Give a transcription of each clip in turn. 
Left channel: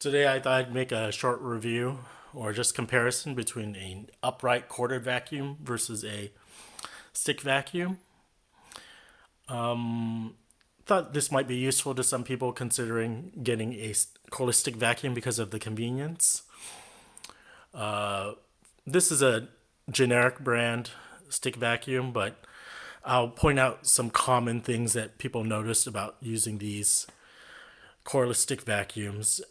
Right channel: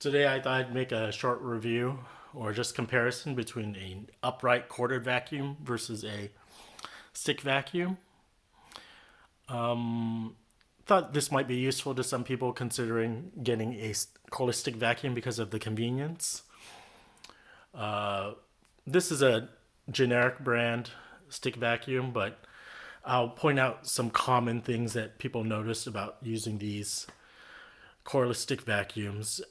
Today I thought I'd make a short review or just comparison between an upright corded vacuum versus a stick vacuum. Thought this might be useful to some people considering getting a cordless stick vacuum because of the convenience. This is a generic brand stick vacuum, but I'll point out some common things that people notice about using these cordless stick vacuums.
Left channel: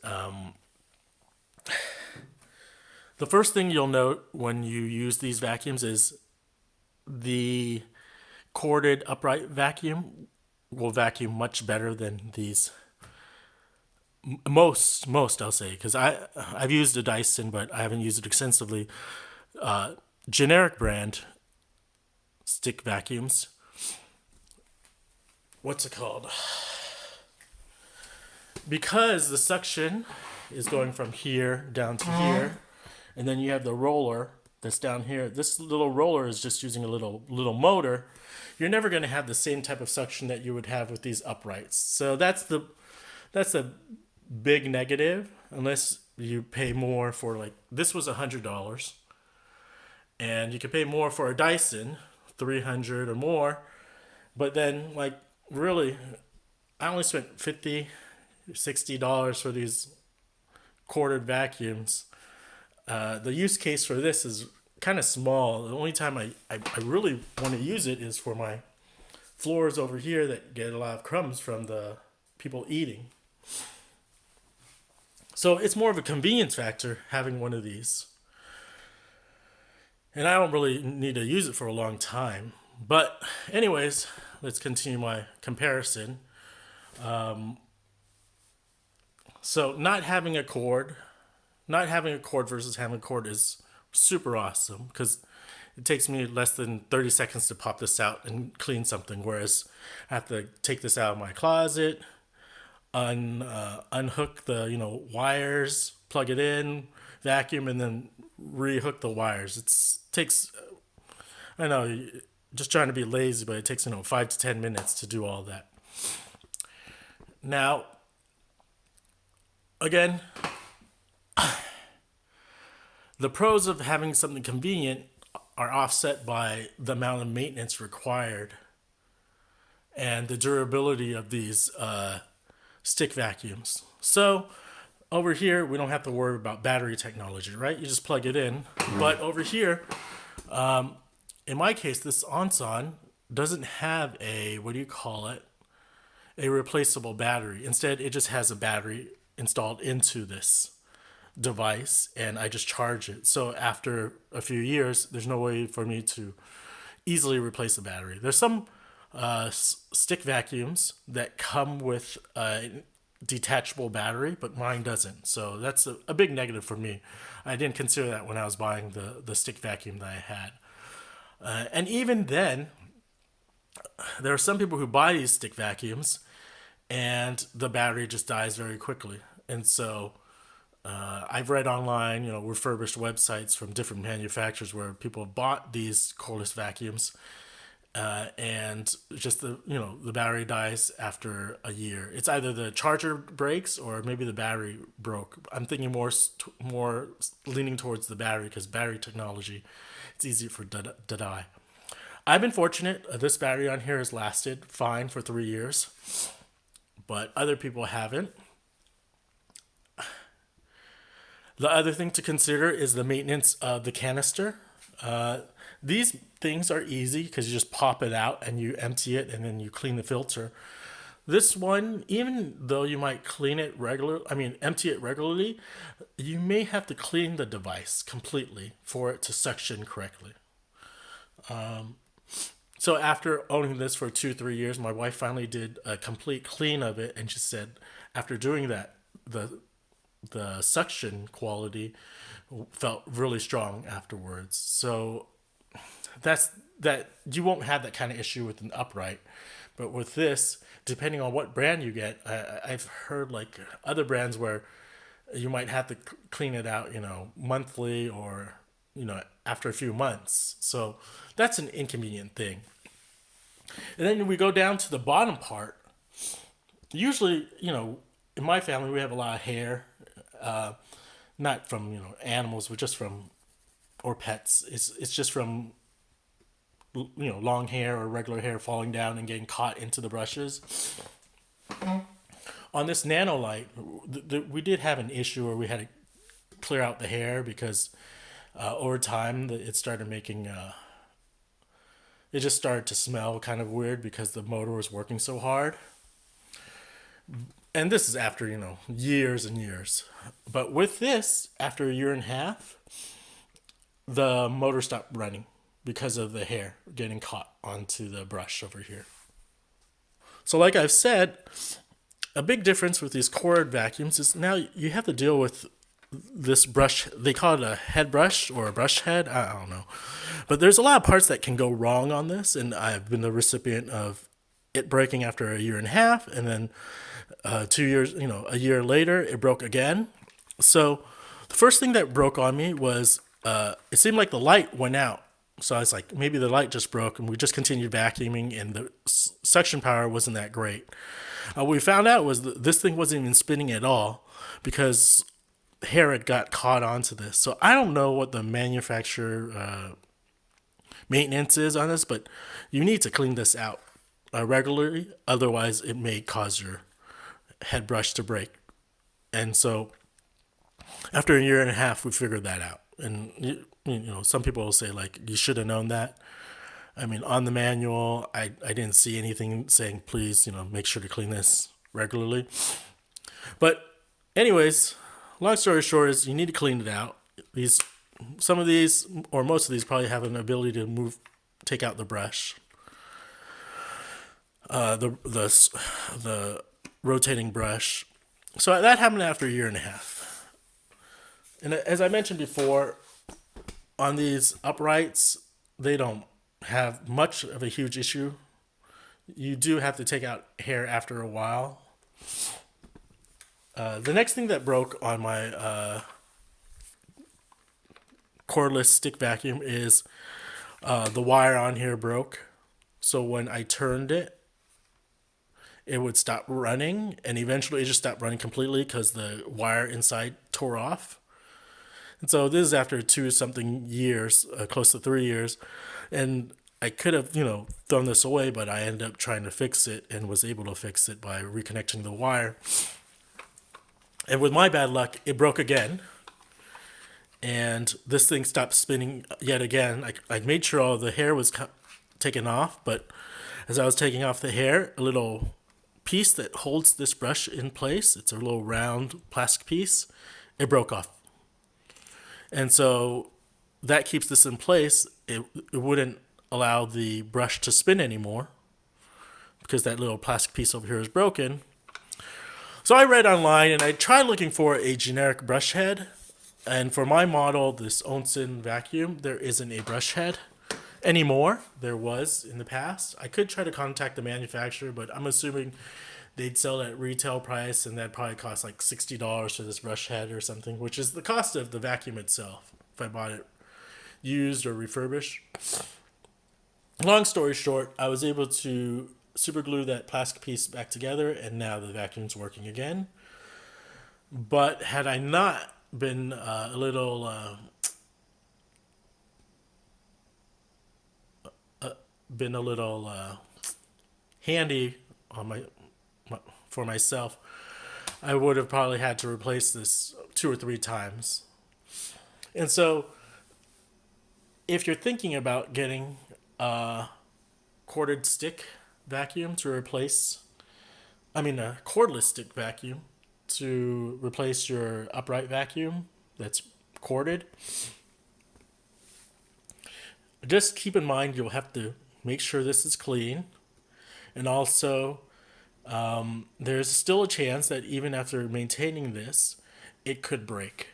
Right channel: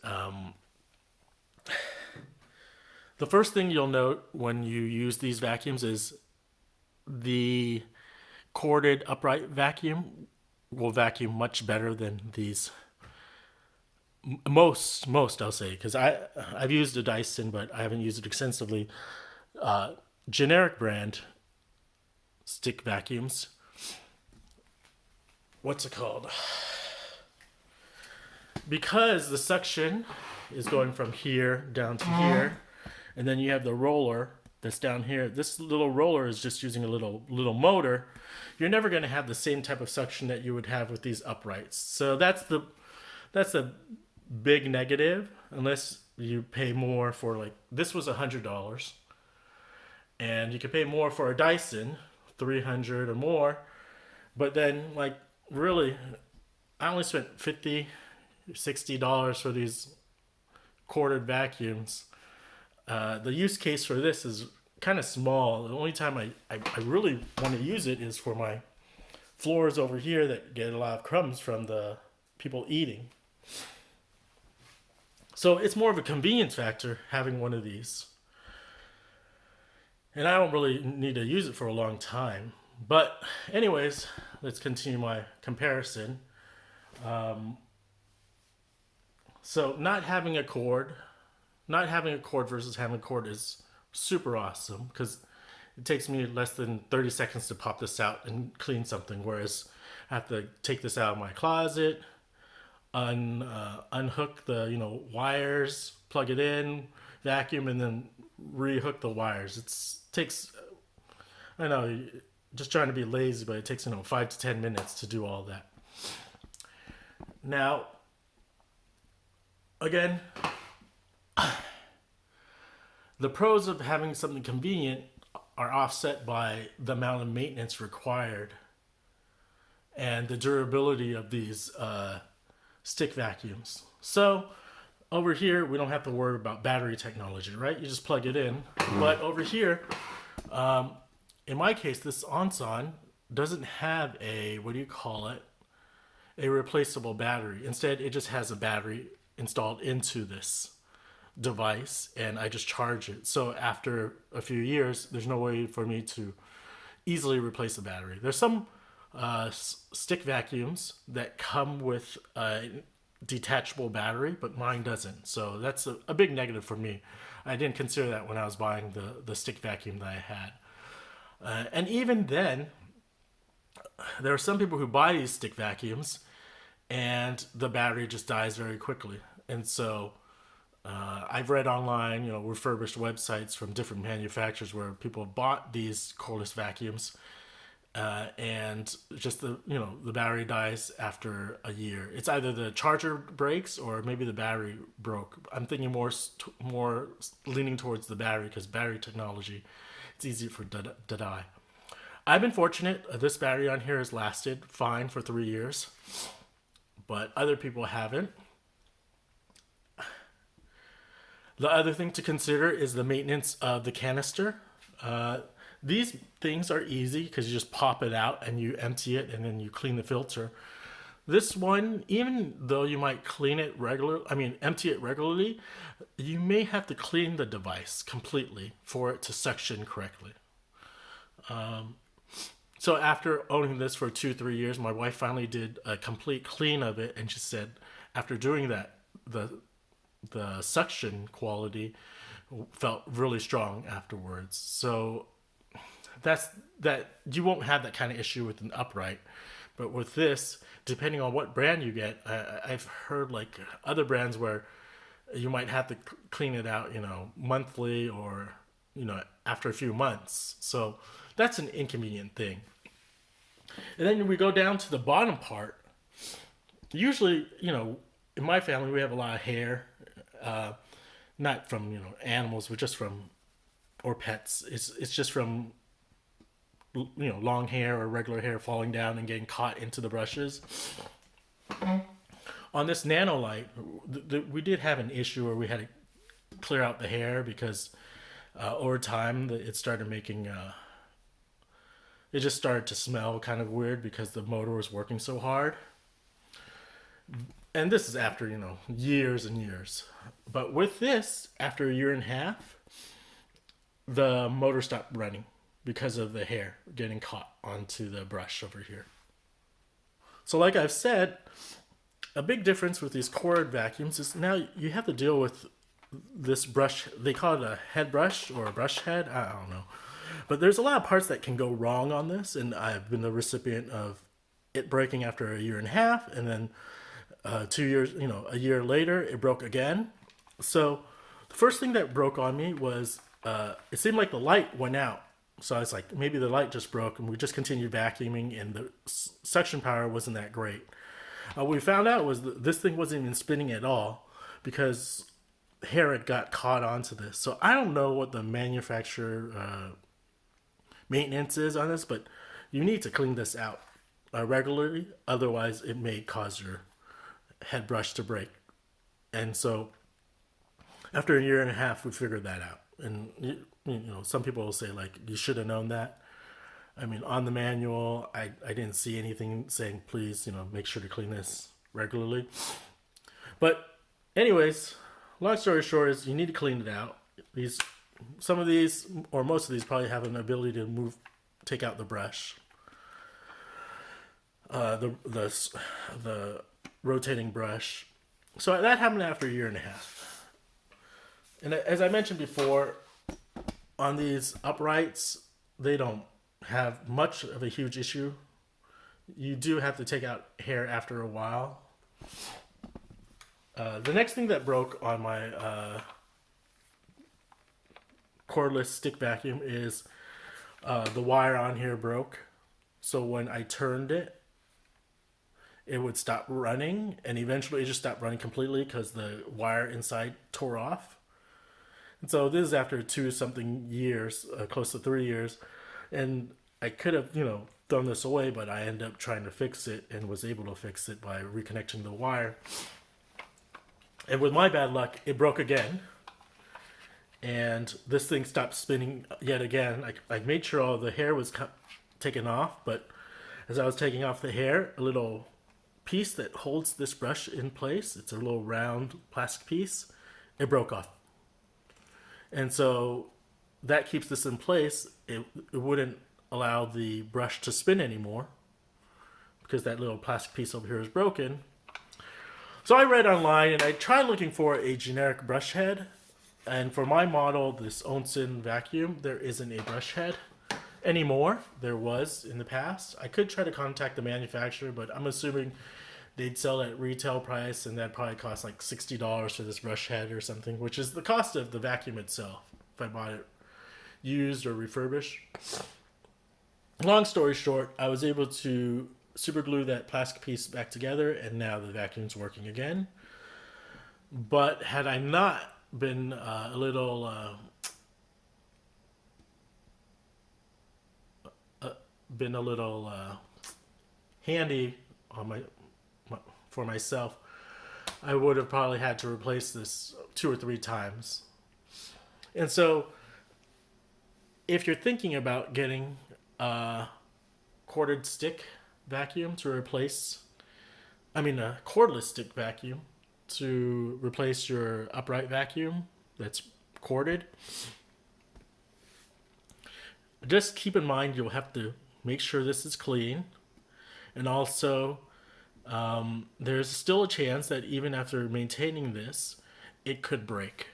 The first thing you'll note when you use these vacuums is the corded upright vacuum will vacuum much better than these. Most I'll say, because I've used a Dyson, but I haven't used it extensively. Generic brand stick vacuums. What's it called? Because the suction is going from here down to here, and then you have the roller that's down here. This little roller is just using a little motor. You're never going to have the same type of suction that you would have with these uprights. So that's a big negative, unless you pay more for, like, this was $100, and you could pay more for a Dyson, $300 or more. But then, like, really, I only spent $50-$60 for these corded vacuums. The use case for this is kind of small. The only time I really want to use it is for my floors over here that get a lot of crumbs from the people eating. So it's more of a convenience factor having one of these. And I don't really need to use it for a long time. But anyways, let's continue my comparison. So not having a cord versus having a cord is super awesome, because it takes me less than 30 seconds to pop this out and clean something, whereas I have to take this out of my closet, unhook the wires, plug it in, vacuum, and then rehook the wires. It takes, I know, just trying to be lazy, but it takes 5 to 10 minutes to do all that. Now, again, the pros of having something convenient are offset by the amount of maintenance required and the durability of these stick vacuums. So over here, we don't have to worry about battery technology, right? You just plug it in. But over here, in my case, this Onson doesn't have a replaceable battery. Instead, it just has a battery installed into this device, and I just charge it. So after a few years, there's no way for me to easily replace the battery. There's some stick vacuums that come with a detachable battery, but mine doesn't. So that's a big negative for me. I didn't consider that when I was buying the stick vacuum that I had. And even then, there are some people who buy these stick vacuums and the battery just dies very quickly. And so I've read online, refurbished websites from different manufacturers where people have bought these cordless vacuums, and just the battery dies after a year. It's either the charger breaks or maybe the battery broke. I'm thinking more leaning towards the battery, because battery technology, it's easy for to die. I've been fortunate. This battery on here has lasted fine for 3 years, but other people haven't. The other thing to consider is the maintenance of the canister. These things are easy because you just pop it out and you empty it and then you clean the filter. This one, even though you might empty it regularly, you may have to clean the device completely for it to suction correctly. So after owning this for 2-3 years, my wife finally did a complete clean of it, and she said after doing that, the suction quality felt really strong afterwards. So that you won't have that kind of issue with an upright, but with this, depending on what brand you get, I've heard like other brands where you might have to clean it out, monthly or after a few months. So that's an inconvenient thing. And then we go down to the bottom part. Usually, in my family, we have a lot of hair not from animals, but just from or pets. It's just from long hair or regular hair falling down and getting caught into the brushes. On this Nanolite, we did have an issue where we had to clear out the hair because over time it started making it just started to smell kind of weird because the motor was working so hard. And this is after years and years. But with this, after a year and a half, the motor stopped running because of the hair getting caught onto the brush over here. So like I've said, a big difference with these cord vacuums is now you have to deal with this brush. They call it a head brush or a brush head. I don't know. But there's a lot of parts that can go wrong on this, and I've been the recipient of it breaking after a year and a half, and then 2 years, a year later, it broke again. So the first thing that broke on me was it seemed like the light went out. So I was like, maybe the light just broke, and we just continued vacuuming, and the suction power wasn't that great. What we found out was that this thing wasn't even spinning at all because hair had got caught onto this. So I don't know what the manufacturer maintenance is on this, but you need to clean this out regularly. Otherwise, it may cause your head brush to break. And so after a year and a half, we figured that out. And some people will say, like, you should have known that. I mean, on the manual, I didn't see anything saying, please, make sure to clean this regularly. But anyways, long story short is you need to clean it out. Some of these, or most of these, probably have an ability to take out the brush. The rotating brush. So that happened after a year and a half. And as I mentioned before, on these uprights, they don't have much of a huge issue. You do have to take out hair after a while. The next thing that broke on my cordless stick vacuum is the wire on here broke. So when I turned it, it would stop running, and eventually it just stopped running completely because the wire inside tore off. And so this is after 2-something years, close to 3 years. And I could have, thrown this away, but I ended up trying to fix it and was able to fix it by reconnecting the wire. And with my bad luck, it broke again. And this thing stopped spinning yet again. I made sure all the hair was taken off, but as I was taking off the hair, a little piece that holds this brush in place, it's a little round plastic piece, it broke off. And so that keeps this in place. It wouldn't allow the brush to spin anymore because that little plastic piece over here is broken. So I read online and I tried looking for a generic brush head. And for my model, this Onson vacuum, there isn't a brush head anymore. There was in the past. I could try to contact the manufacturer, but I'm assuming they'd sell at retail price, and that probably cost like $60 for this brush head or something, which is the cost of the vacuum itself if I bought it used or refurbished. Long story short, I was able to super glue that plastic piece back together, and now the vacuum's working again. But had I not been a little handy on for myself, I would have probably had to replace this 2 or 3 times. And so if you're thinking about getting a corded stick vacuum to replace, a cordless stick vacuum to replace your upright vacuum that's corded, just keep in mind you'll have to make sure this is clean. And also, there's still a chance that even after maintaining this, it could break.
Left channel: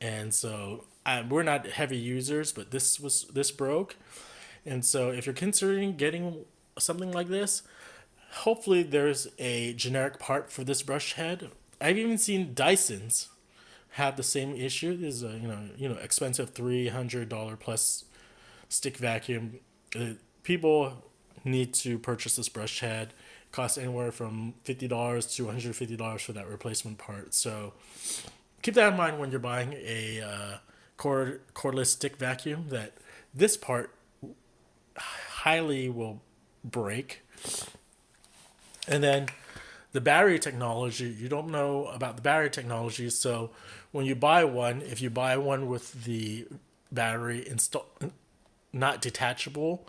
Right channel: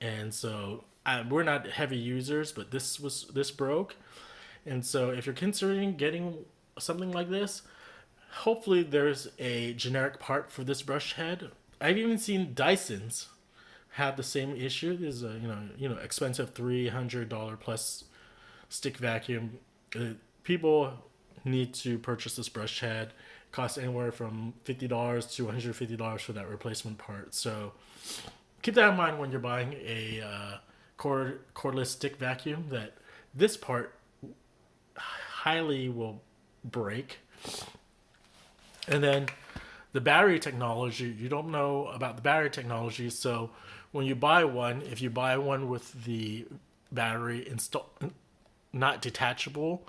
And so we're not heavy users, but this broke. And so if you're considering getting something like this, hopefully there's a generic part for this brush head. I've even seen Dysons have the same issue. This is a expensive $300 plus stick vacuum. People need to purchase this brush head costs anywhere from $50 to $150 for that replacement part. So keep that in mind when you're buying a cordless stick vacuum, that this part highly will break. And then the battery technology, you don't know about the battery technology. So when you buy one, if you buy one with the battery not detachable,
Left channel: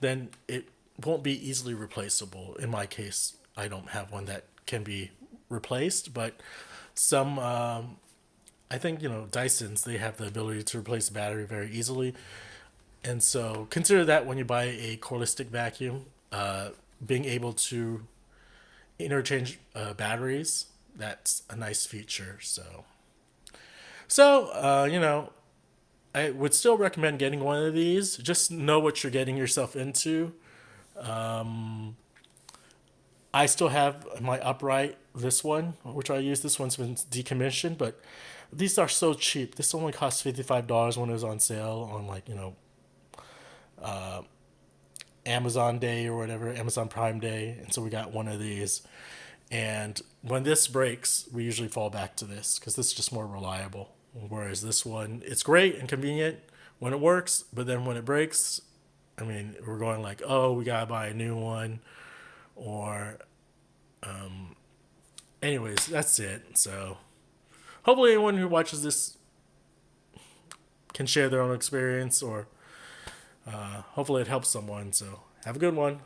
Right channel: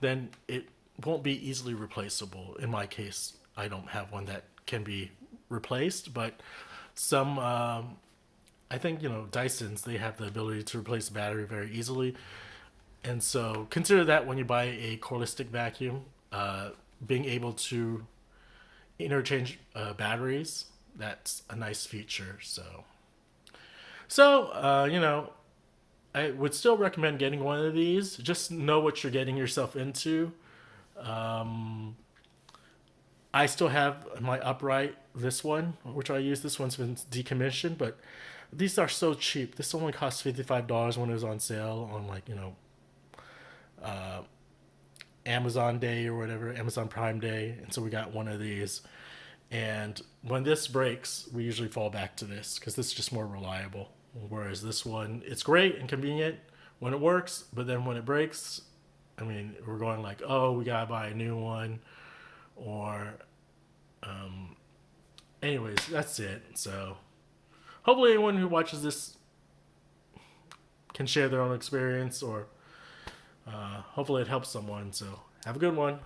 then it won't be easily replaceable. In my case, I don't have one that can be replaced, but some I think, Dysons, they have the ability to replace the battery very easily. And so consider that when you buy a cordless stick vacuum, being able to interchange batteries, that's a nice feature. So I would still recommend getting one of these. Just know what you're getting yourself into. I still have my upright, this one, which I use. This one's been decommissioned, but these are so cheap. This only cost $55 when it was on sale on Amazon Day or whatever, Amazon Prime Day. And so we got one of these. And when this breaks, we usually fall back to this because this is just more reliable. Whereas this one, it's great and convenient when it works, but then when it breaks, I mean, we're going like, oh, we gotta buy a new one, or, anyways, that's it. So hopefully anyone who watches this can share their own experience, or hopefully it helps someone. So have a good one.